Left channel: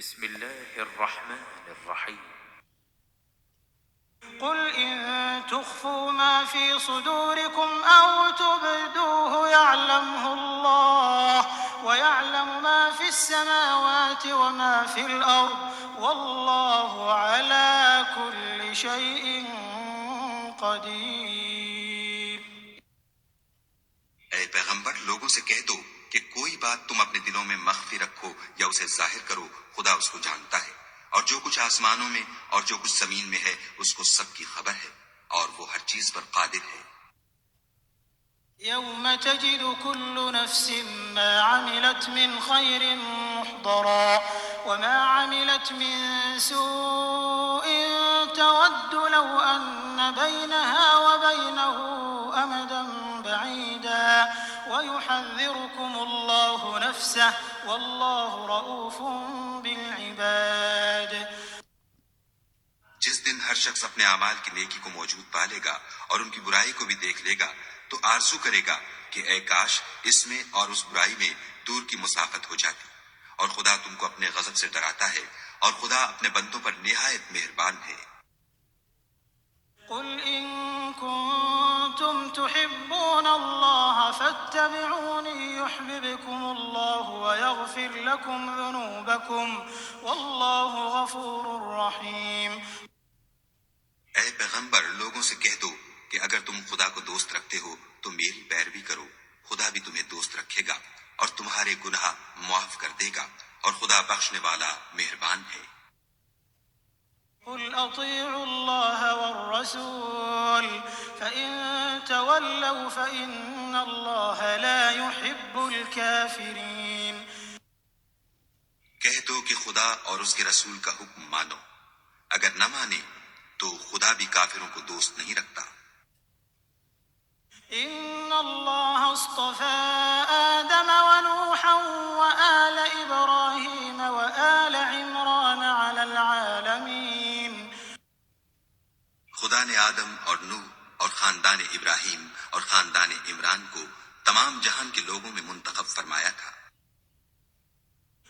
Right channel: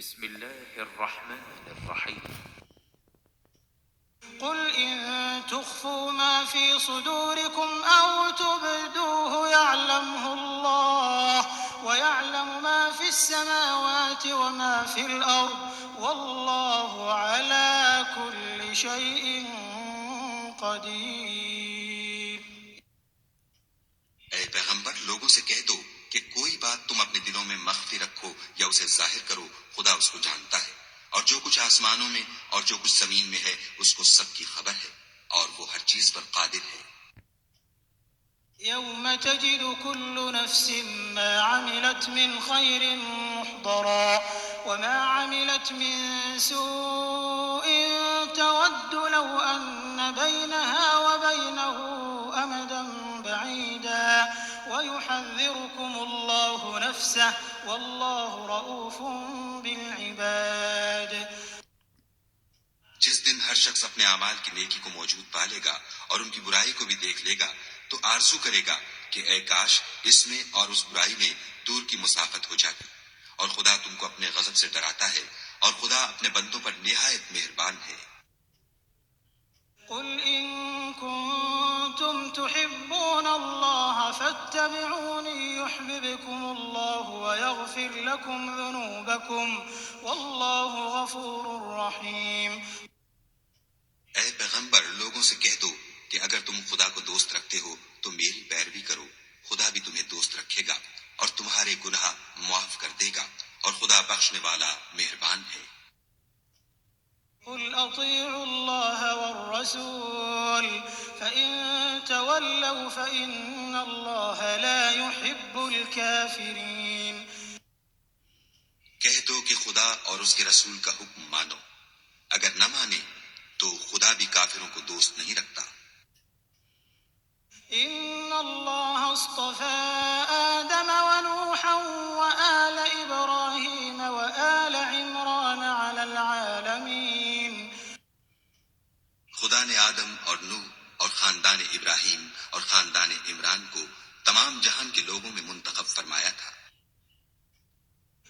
بسم الله الرحمن الرحيم. قل إن تخفوا ما في صدوركم أو تبدوه يعلمه الله ويعلم ما في السماوات وما في الأرض والله على كل شيء قدير. اے پیغمبر لوگوں سے کہہ دو کہ کوئی بات تم اپنے دلوں میں مخفی رکھو یا اسے ظاہر کرو، خدا اس کو جانتا ہے، اور جو کچھ آسمانوں میں اور جو کچھ زمین میں ہے اس کو سب کی خبر ہے، اور وہ ہر چیز پر قادر ہے۔ يوم تجد كل نفس ما عملت من خير محضرا وما عملت من سوء تود لو أن بينها وبينه أمدا بعيدا ويحذركم الله نفسه والله رؤوف بالعباد. جس دن ہر شخص اپنے اعمال کی نیکی کو موجود پالے گا اور ان کی برائی کو بھی دیکھ لے گا تو آرزو کرے گا کہ اے کاش اس میں اور اس برائی میں دور کی مسافت ہو جاتی، اور خدا تم کو اپنے غضب سے ڈراتا ہے، اور خدا اپنے بندوں پر نہایت مہربان ہے۔ قل إن كنتم تحبون الله فاتبعوني يحببكم الله ويغفر لكم ذنوبكم والله غفور رحيم. اے پیغمبر لوگوں سے کہہ دو کہ اگر تم خدا کو دوست رکھتے ہو تو میری پیروی کرو، خدا بھی تمہیں دوست رکھے گا اور تمہارے گناہ معاف کر دے گا، اور خدا بخشنے والا مہربان ہے۔ قل أطيعوا الله والرسول فإن تولوا فإن الله لا يحب الكافرين. کہہ دو کہ خدا اور اس کے رسول کا حکم مانو، اگر نہ مانے تو خدا بھی کافروں کو دوست نہیں رکھتا۔ إن الله اصطفى آدم ونوحا وآل إبراهيم وآل عمران على العالمين. خدا نے آدم اور نوح اور خاندان ابراہیم اور خاندان عمران کو تمام جہان کے لوگوں میں منتخب فرمایا تھا۔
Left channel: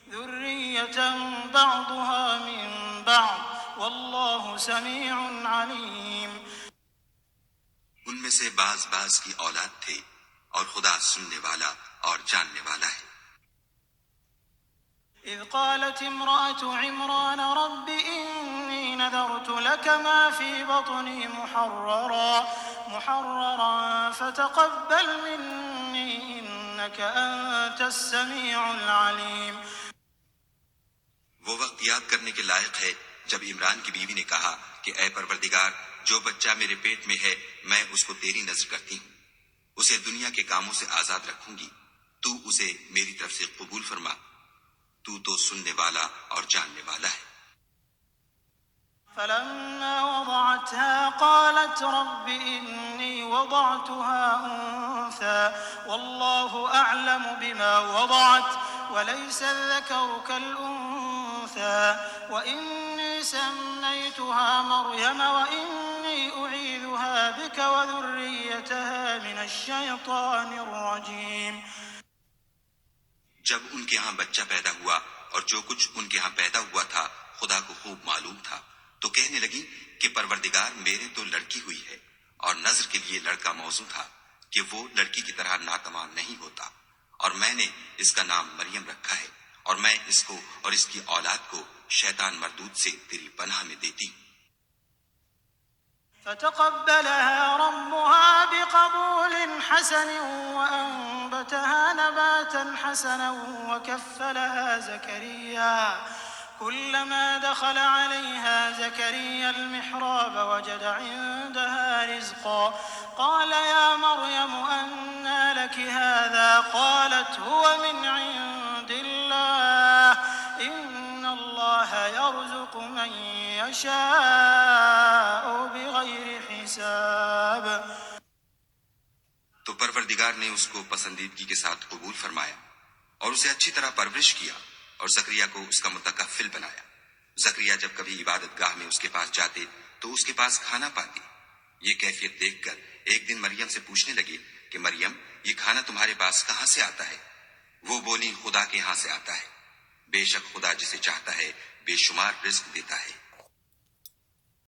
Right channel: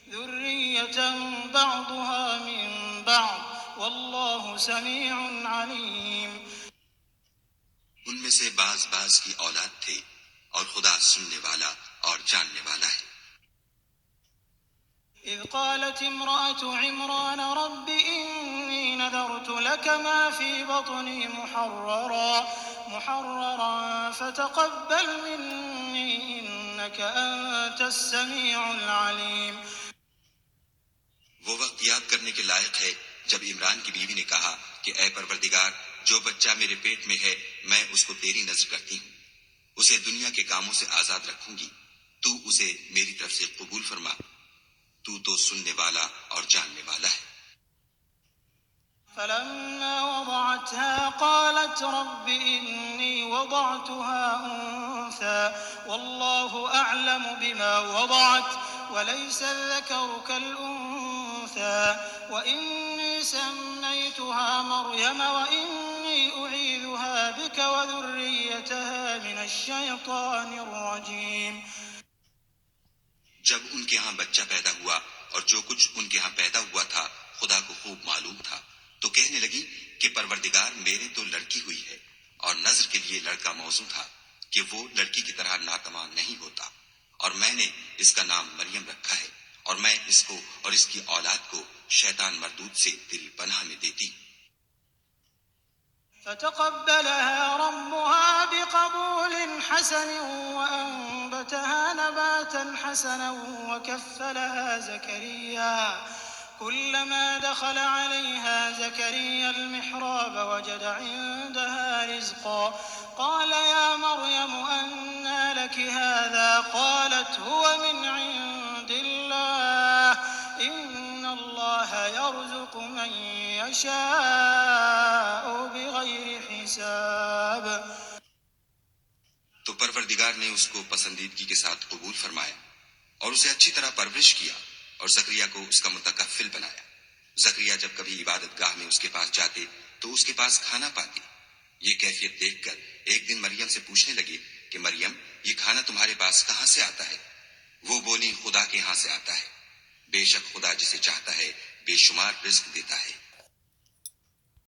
ذرية بعضها من بعض والله سميع عليم. ان میں سے بعض کی اولاد تھے، اور خدا سننے والا اور جاننے والا ہے۔ إذ قالت امرأة عمران رب إني نذرت لك ما في بطني محررا فتقبل مني إنك أنت السميع العليم. وہ وقت یاد کرنے کے لائق ہے جب عمران کی بیوی نے کہا کہ اے پروردگار، جو بچہ میرے پیٹ میں ہے میں اس کو تیری نذر کرتی ہوں، اسے دنیا کے کاموں سے آزاد رکھوں گی، تو اسے میری طرف سے قبول فرما، تو تو سننے والا اور جاننے والا ہے۔ فلما وضعتها قالت رب إني وضعتها أنثى والله أعلم بما وضعت وليس الذكر كالأنثى وإني سميتها مريم وإني أعيذها بك وذريتها من الشيطان الرجيم. جب ان کے ہاں بچہ پیدا ہوا اور جو کچھ ان کے ہاں پیدا ہوا تھا خدا کو خوب معلوم تھا، تو کہنے لگی کہ پروردگار میرے تو لڑکی ہوئی ہے، اور نظر کے لیے لڑکا موزوں تھا کہ وہ لڑکی کی طرح ناتمام نہیں ہوتا، اور میں نے اس کا نام مریم رکھا ہے، اور میں اس کو اور اس کی اولاد کو شیطان مردود سے تیری پناہ میں دیتی ہوں۔ فتقبلها ربها بقبول حسن وأنبتها نباتا حسنا وكفلها زكريا كلما دخل عليها زكريا المحراب وجد عندها رزقا قال يا مريم أنى لك هذا قالت هو من عند الله إن الله يرزق من يشاء بغير حساب. تو پروردگار نے اس کو پسندیدگی کے ساتھ قبول فرمایا اور اسے اچھی طرح پرورش کیا اور زکریا کو اس کا متکفل بنایا۔ زکریا جب کبھی عبادت گاہ میں اس کے پاس جاتے تو اس کے پاس کھانا پاتے۔ یہ کیفیت دیکھ کر ایک دن مریم سے پوچھنے لگے کہ مریم، یہ کھانا تمہارے پاس کہاں سے آتا ہے؟ وہ بولی خدا کے ہاں سے آتا ہے۔ بے شک خدا جسے چاہتا ہے بے شمار رزق دیتا ہے۔